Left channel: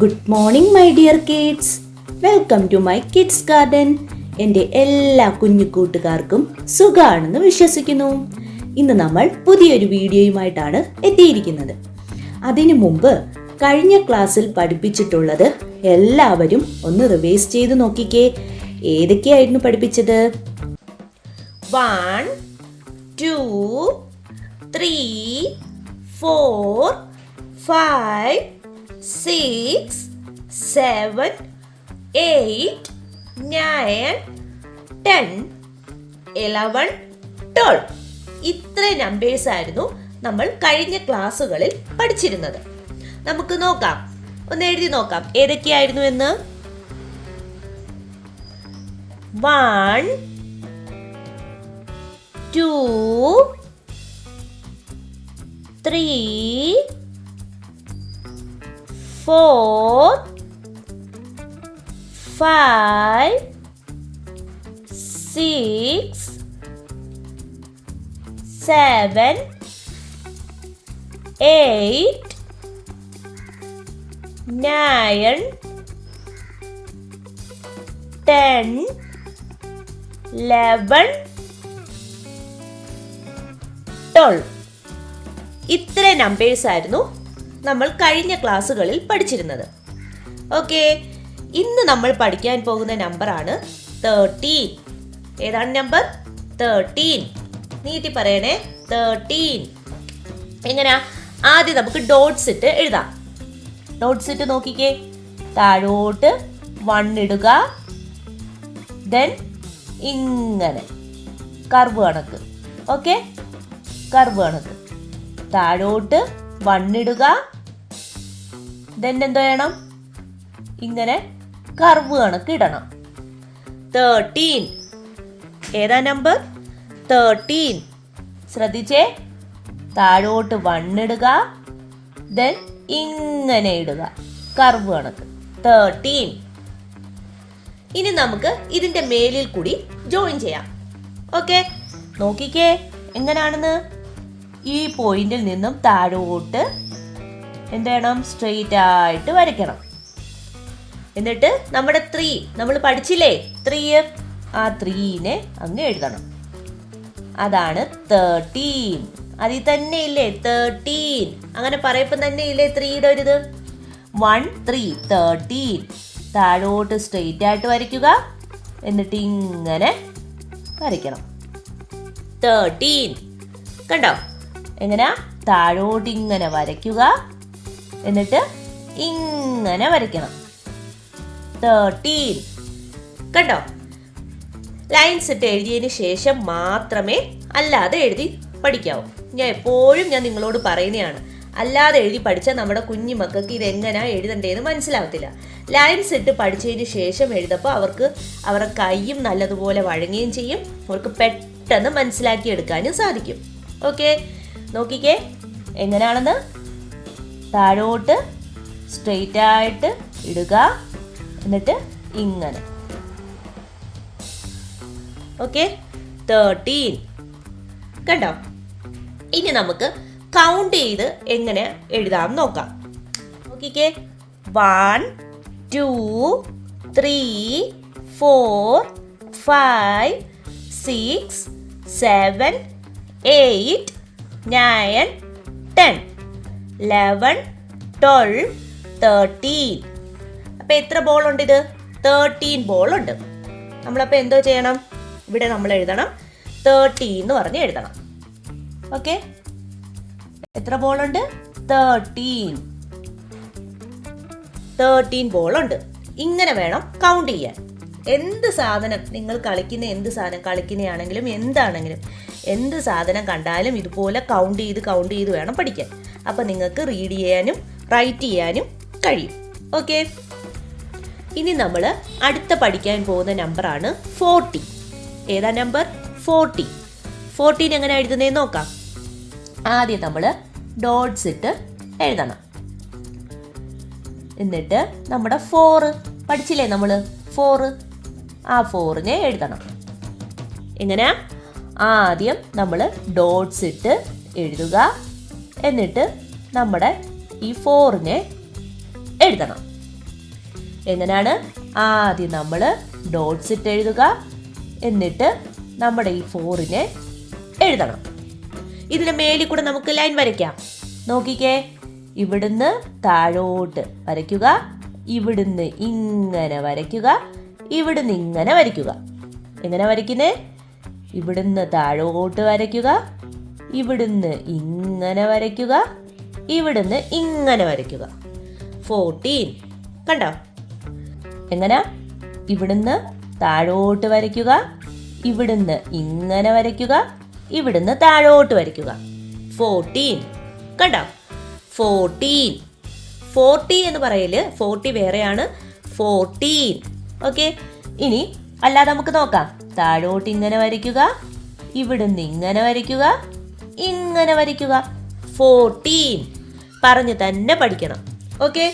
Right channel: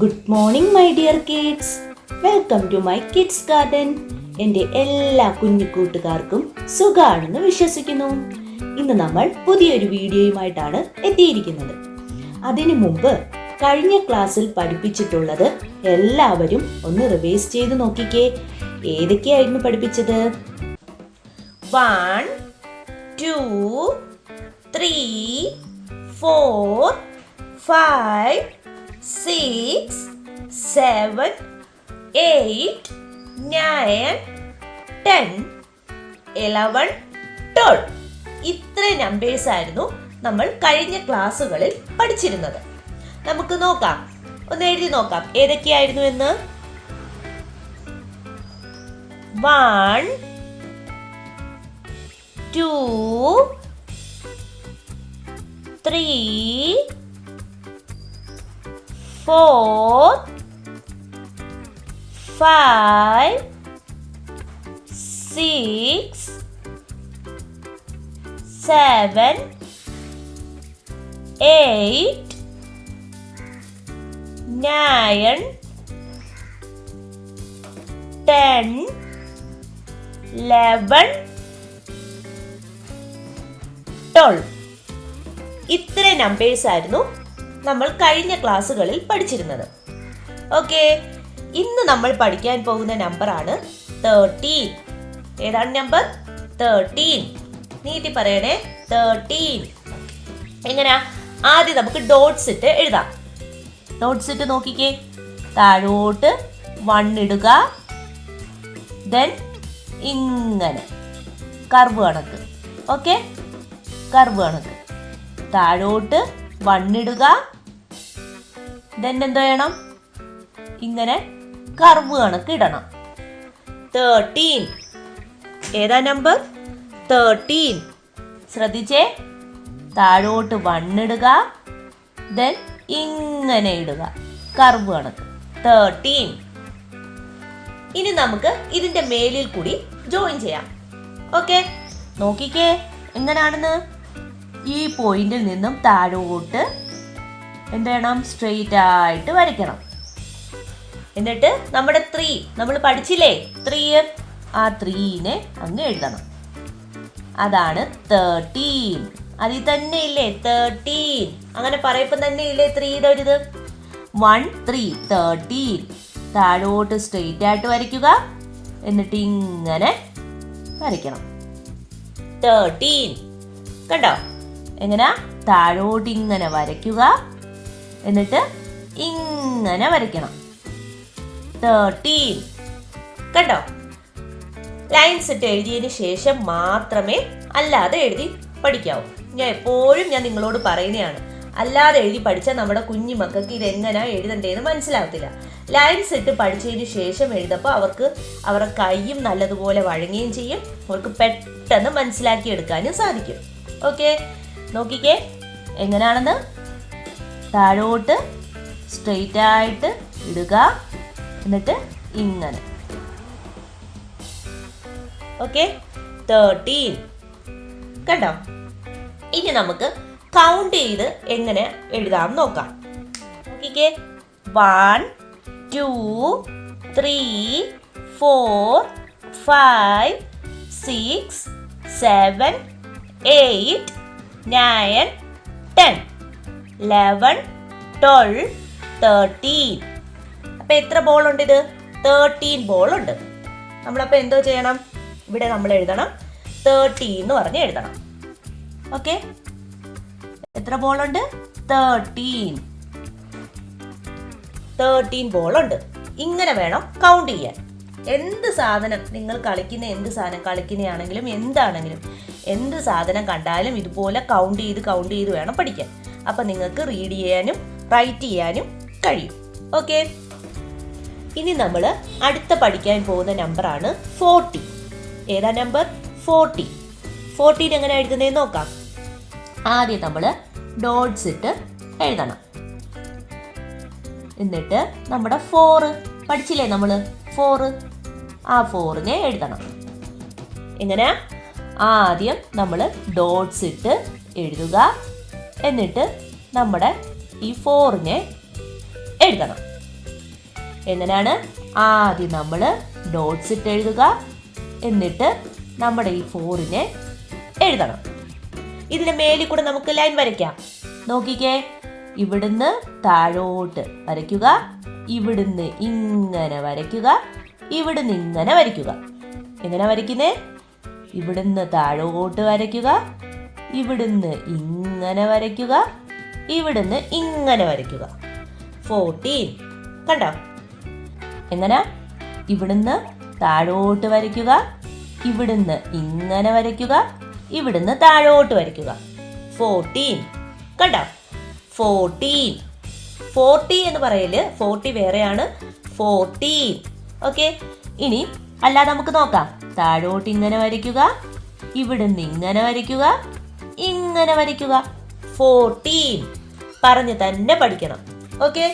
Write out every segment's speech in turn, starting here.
Good morning my dear kids. Welcome to my kids garden. എൻ്റെ എല്ലാ കുഞ്ഞു കൂട്ടുകാർക്കും സുഖാണെന്ന് വിശ്വസിക്കുന്നു. ഇന്ന് നമ്മൾ പുതിയൊരു വീഡിയോയുമായിട്ടാണ് എത്തിയിരിക്കുന്നത്. അതിനു മുമ്പ് കഴിഞ്ഞ ക്ലാസ്സിൽ പഠിപ്പിച്ചിട്ടുള്ളത് എല്ലാവരും ഒന്ന് റിവൈസ് ചെയ്ത് നോക്കിക്കേ. ഏതൊക്കെയായിരുന്നു പഠിപ്പിച്ചത്? 1 2 3 4 5 6 7 8 9 10 11 12. ഇത്ര നമ്പേഴ്സ് ആയിരുന്നു നമ്മൾ കഴിഞ്ഞ ക്ലാസ്സുകളിൽ പഠിച്ചിരുന്നത്. നമുക്ക് നോക്കാം, ഒന്ന് എഴുതി നോക്കാം ഏതൊക്കെയായിരുന്നു എന്ന്. 1 2 3 4 5 6 7 8 9 10 11 12. ഇത്ര നമ്പേഴ്സ് ആയിരുന്നു നമ്മൾ കഴിഞ്ഞ ക്ലാസ്സുകളിൽ പഠിച്ചിരുന്നത്. ഓക്കെ, ഇന്ന് നമ്മൾ പഠിക്കാൻ പോകുന്ന നമ്പറാണ് 13. ഏതാണ് നമ്പർ? 13. നീട്ടി പറയണേ, 13. എങ്ങനെയാ? ആദ്യം നമുക്ക് ഡോട്ട്സ് ഇട്ട് എഴുതാം. ഡോട്ട്സ് ഇട്ട് നോക്കിക്കേ. താഴോട്ട് 1 ഇടുക, ദെൻ ഇങ്ങനെ കർവ് കണക്ക്. ഓക്കെ, കർവ് കണക്ക്. താഴോട്ട് 1 ഇടുക, ദെൻ എന്ത് ചെയ്യണം? ഇങ്ങനെ കർവ് കണക്ക് ഇടണം. 13. ഏതാ നമ്പർ? 13. ശ്രദ്ധിച്ചേ. താഴോട്ട് 1 ഇടുക, ദെൻ ഇങ്ങനെ ഇടുക, കർവ് കണക്ക്. 13. ഇനി നമുക്ക് ഇതിന്റെ മേലിൽ കൂടി ജോയിൻ ചെയ്യാം. ഓക്കെ, നോക്കിക്കേ എങ്ങനെയാണെന്ന്. ഈ പോയിന്റിൽ നിന്നും താഴോട്ട് എന്ത് ചെയ്യണം? സ്ട്രെയിറ്റ് ആയിട്ട് വരയ്ക്കണം. എന്നിട്ട് നമ്മുടെ 3 നമ്മൾ പഠിച്ചില്ലേ, 3, ആ 3നെ അങ്ങ് എഴുതണം. അതാണ് 13. അതിൽ തന്നെ ഇല്ലേ 13? അങ്ങനെ പറയപ്പം തന്നെ ഇല്ലേ 3യുടെ ഒരു ഇത്. 1 3 13. താഴോട്ട് സ്ട്രെയിറ്റ് ആയിട്ട് വരയ്ക്കുക, എന്നിട്ട് ഇങ്ങനെ വരയ്ക്കണം. 13. കണ്ടോ? എങ്ങനെ? താഴോട്ട് ഇങ്ങനെ വരയ്ക്കുക, എന്നിട്ട് ഇങ്ങനെ വരയ്ക്കണം. 13. കണ്ടോ? ലൈൻസ് ഇട്ട് എഴുതിയതിന് ശേഷം മാത്രമേ അല്ലാതെ എഴുതി പഠിക്കാവൂ. ഞാൻ നിങ്ങളോട് പറയുന്നതാണ്, അല്ലാതെ എഴുതി പഠിച്ചാൽ നമ്മുടെ കുഞ്ഞു മക്കൾക്ക് ഇത് എങ്ങനെയാ എഴുതണ്ടേന്ന് മനസ്സിലാവത്തില്ല. ലൈൻസ് ഇട്ട് പഠിച്ചതിന് ശേഷം എഴുതപ്പോൾ അവരുടെ കൈയും നല്ലതുപോലെ വഴങ്ങുകയും ചെയ്യും. അവർക്ക് പെട്ടെന്ന് മനസ്സിലാക്കി എടുക്കാനും സാധിക്കും. ഓക്കെ, നോക്കിക്കേ എങ്ങനെയാണെന്ന്. താഴോട്ട് സ്ട്രെയിറ്റ് ആയിട്ട് ഇടുക, എന്നിട്ട് ഇങ്ങനെ. ഓക്കെ, 13. കണ്ടോ? ഇനി നമുക്ക് കൗണ്ട് ചെയ്ത് എങ്ങനെ എഴുതാം നോക്കാം. നോക്കിക്കേ. 1 2 3 4 5 6 7 8 9 10 11 12 13. അപ്പൊ എത്ര ബോൾ ഉണ്ട്? ഇത് 13 ബോൾ ഉണ്ട്. നമ്മളപ്പോ എന്തോ ചെയ്യണം? ഇവിടെ നമ്മൾ എഴുതണം 13 എന്ന് പറഞ്ഞ് എഴുതണം. ഓക്കെ, എത്ര ബോൾ ഉണ്ട്? 13 ബോൾ ഉണ്ട്. ഇങ്ങനെ വേണം കൗണ്ട് ചെയ്യാൻ. എന്ത് സാധനം നിങ്ങൾ കളിക്കുന്നതാണെങ്കിലും എന്താണെങ്കിലും എന്ത് സാധനം കണ്ടാലും ഇതുപോലെ കൗണ്ട് ചെയ്ത് വേണം പഠിക്കാൻ. അപ്പൊ നിങ്ങൾക്ക് റീഡ് ചെയ്യാനും റൈറ്റ് ചെയ്യാനും കഴിയും. ഓക്കെ, ഇനി നമ്മൾ അടുത്ത പഠിക്കാൻ പോകുന്ന നമ്പറാണ് 40. ഏതാ നമ്പർ? 40. 14 എങ്ങനെ എഴുതുന്നതെന്ന് നോക്കാം. ആദ്യം നമ്മൾ ഡോട്ട്സ് ഇട്ട് എഴുതണം. എന്നിട്ട് നമ്മുടെ 4 പഠിച്ചില്ലേ നമ്മൾ? 4, ആ 4നെ എഴുതണം. എങ്ങനെ? ആദ്യം നമ്മൾ ഡോട്ട്സ് ഇട്ട് എഴുതുക, എന്നിട്ട് നമ്മുടെ ഈ 4നെ എഴുതണം. എങ്ങനെയാണ്? ആദ്യം നമ്മൾ ഡോട്ട്സ് ഇട്ട് എഴുതുക, എന്നിട്ട് നമ്മുടെ ഈ 4നെ എഴുതണം. ഇതിന് മേലിൽ കൂടെ നമുക്ക് ലൈൻ വരയ്ക്കാം. നോക്കിക്കേ, ഇവിടുന്ന് താഴോട്ട് വരയ്ക്കുക, ഇവിടുന്ന് ഇങ്ങനെ വരയ്ക്കുക, ഇവിടുന്ന് ഇങ്ങനെ വരയ്ക്കുക. എങ്ങനെ വരയ്ക്കുന്നേ? ഇവിടുന്ന് താഴോട്ട് വരയ്ക്കുക, ഇവിടുന്ന് ഇങ്ങനെ വരയ്ക്കുക, ഇവിടുന്ന് ഇങ്ങനെ വരയ്ക്കുക. 14 കണ്ടോ? എങ്ങനെ? ഇവിടുന്ന് താഴോട്ട് വരയ്ക്കുക, ഇവിടുന്ന് ഇങ്ങനെ വരയ്ക്കുക, ഇവിടുന്ന് താഴോട്ട് വരയ്ക്കുക. 14 കണ്ടോ? 14. 40 എന്ന് പറയല് 40 വേറെയാണ്, 14. ഓക്കെ, ഇനി അല്ലാതെ നമുക്ക് നോക്കാം. താഴോട്ട് ഇങ്ങനെ വരയ്ക്കുക, ഇവിടുന്ന് ഇങ്ങനെ വരയ്ക്കുക, ഇങ്ങനെ വരയ്ക്കുക. 14 പറഞ്ഞ് തന്നെ പഠിക്കണം. ഓക്കെ,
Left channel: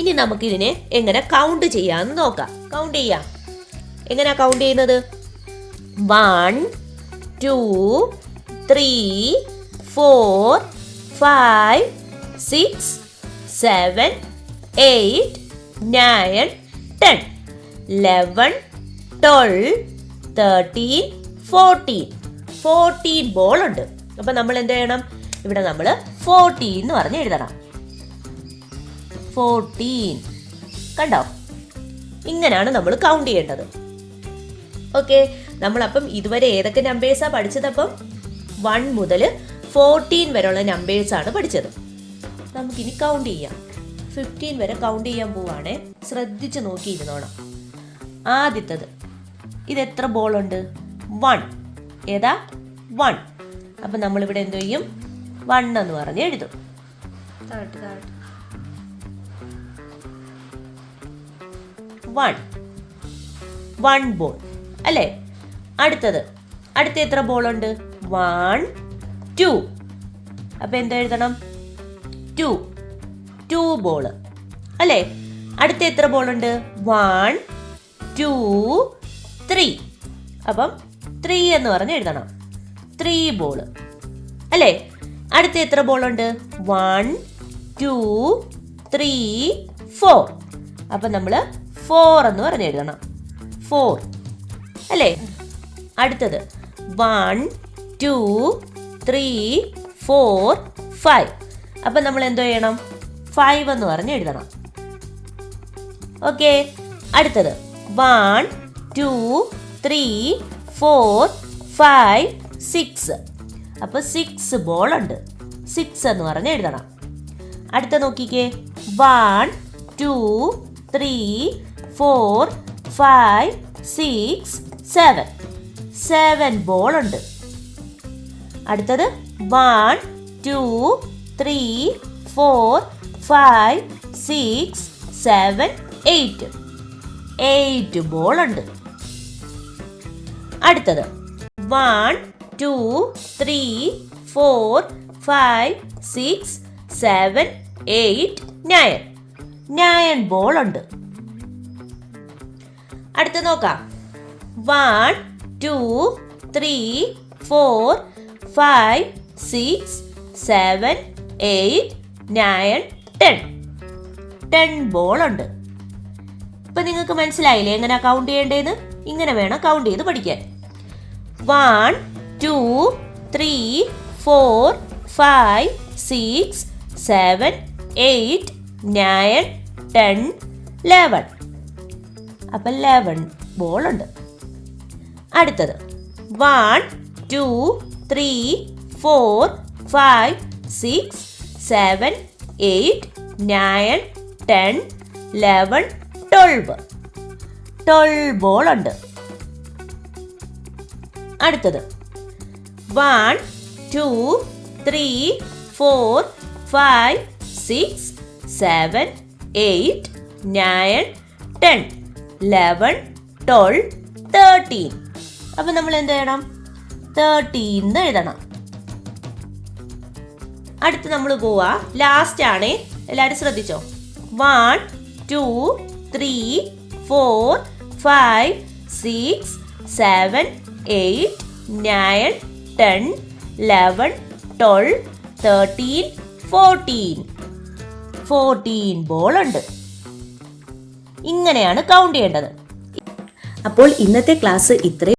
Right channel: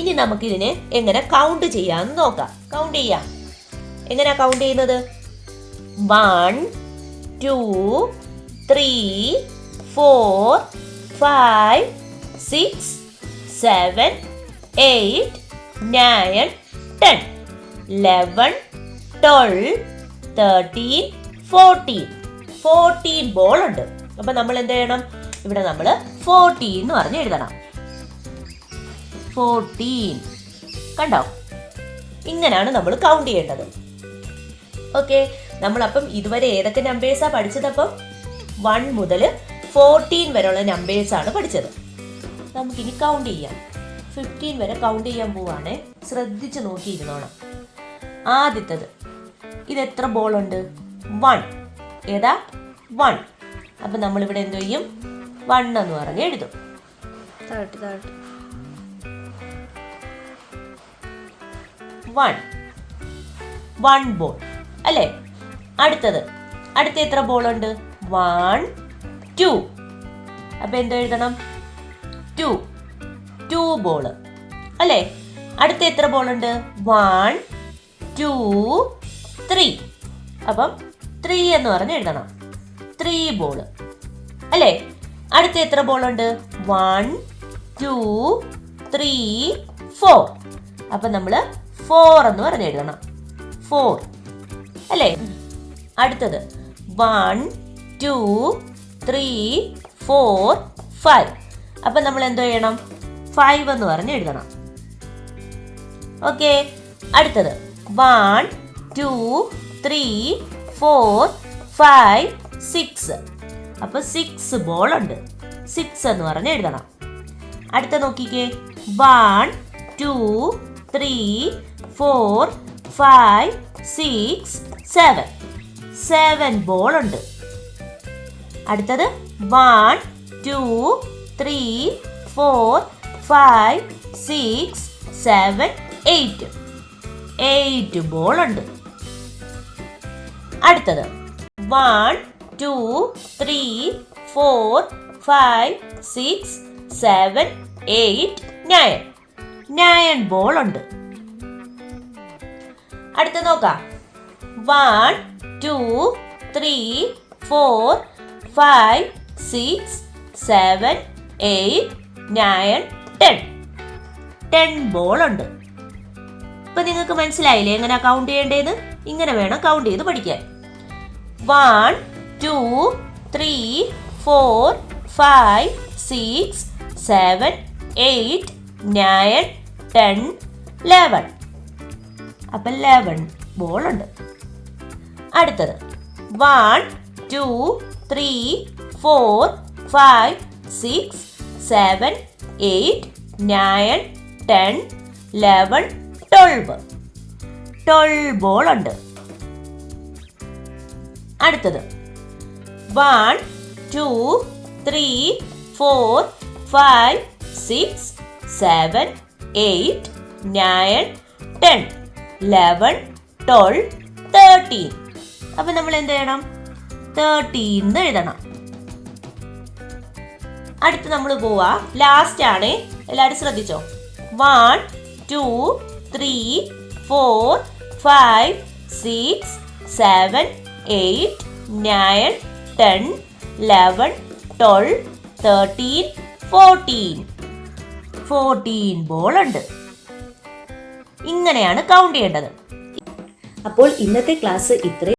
ഇനി നമുക്കിതിനെ എങ്ങനെ കൗണ്ട് ചെയ്യാമെന്ന് നോക്കാം. കൗണ്ട് ചെയ്യാം. എങ്ങനെയാ കൗണ്ട് ചെയ്യുന്നത്? 1 2 3 4 5 6 7 8 9 10 11 12 13 14. 14 ബോൾ ഉണ്ട്. അപ്പൊ നമ്മൾ എന്ത് ചെയ്യണം? ഇവിടെ നമ്മൾ 14 എന്ന് പറഞ്ഞ് എഴുതണം. 14 കണ്ടോ? ഇങ്ങനെയാണ് നമ്മൾ കൗണ്ട് ചെയ്യേണ്ടത്. ഓക്കെ, നമ്മളപ്പം ഇതുവരെ ഏതൊക്കെ നമ്പേഴ്സാ പഠിച്ചതപ്പം? 1 മുതൽ 14 വരെയുള്ള നമ്പേഴ്സാണ് പഠിച്ചത്. നമുക്കിനി കൗണ്ട് ചെയ്യാം. 15 വരെ കൗണ്ട് ചെയ്യാൻ പോവാണേ. ശ്രദ്ധിച്ച് നോക്കിയിരുന്നോണം. ആദ്യത്തത്, ഇത് എത്ര ബോൾ ഉണ്ട്? 1. ഏതാ? 1. അപ്പം നമ്മളിവിടെ എന്ത് ചെയ്യും? 1 എന്ന് പറഞ്ഞ് എഴുതും. 1 ബോൾ അല്ലേ? അടുത്ത എത്ര ബോൾ ഉണ്ട്? 1 2. അപ്പൊ എന്ത് എഴുതണം? 2 ബോൾ അല്ലേ? അടുത്ത എത്ര ബോൾ ഉണ്ട്? 1 2 3. അപ്പം 3 എന്ന് പറഞ്ഞ് എഴുതണം. 3 ബോൾ അല്ലേ? അടുത്ത എത്ര ബോൾ ഉണ്ട്? 1 2 3 4. അപ്പൊ നമ്മള് 4 എന്ന് പറഞ്ഞ് എഴുതണം. 4 അല്ലേ? അടുത്തത് 1 2 3 4 5. അപ്പൊ നമ്മൾ എന്തോ ചെയ്യണം? 5 എന്ന് പറഞ്ഞ് എഴുതണം. ഓക്കെ, അടുത്തത് 1 2 3 4 5 6. അപ്പൊ 6 ബോൾ ഉണ്ട്. 6 എന്ന് പറഞ്ഞ് എഴുതണം. അടുത്ത നോക്കിക്കേ, 1 2 3 4 5 6 7. 7 ബോൾ ഉണ്ട്. അടുത്തത് 1 2 3 4 5 6 7 8. 8 ബോൾ ഉണ്ട്. അടുത്തത് 1 2 3 4 5 6 7 8 9. 9 ബോൾ ഉണ്ട്. അടുത്ത നോക്കാം. 1 2 3 4 5 6 7 8 9 10. 10 ബോൾ ഉണ്ട്. ഇപ്പൊ നിങ്ങൾക്ക് മനസ്സിലായില്ലേ എങ്ങനെ കൗണ്ട് ചെയ്യേണ്ടതെന്ന്? ഇങ്ങനെ വേണം കൗണ്ട് ചെയ്ത് പഠിക്കാൻ. 1 2 3 4 5 6 7 8 9 10 11. അപ്പൊ 11 ബോൾ ഉണ്ട്. അടുത്തത് 1 2 3 4 5 6 7 8 9 10 11 12. 12 ബോൾ ഉണ്ട്. അടുത്തത് 1 2 3 4 5 6 7 8 9 10 11 12 13. അപ്പൊ നമ്മൾ എന്ത് ചെയ്യണം? 13 എഴുതണം. അടുത്ത് നമ്മൾ പോവാ, ലാസ്റ്റ് ആണേ, എല്ലാരും ശ്രദ്ധിച്ചോ. 1 2 3 4 5 6 7 8 9 10 11 12 13 14. 14 ബോൾ ഉണ്ട്. ഇങ്ങനെയാണ് കൗണ്ട് ചെയ്യേണ്ടത്. അപ്പോൾ ഇന്നത്തെ ക്ലാസ് ഇത്രയും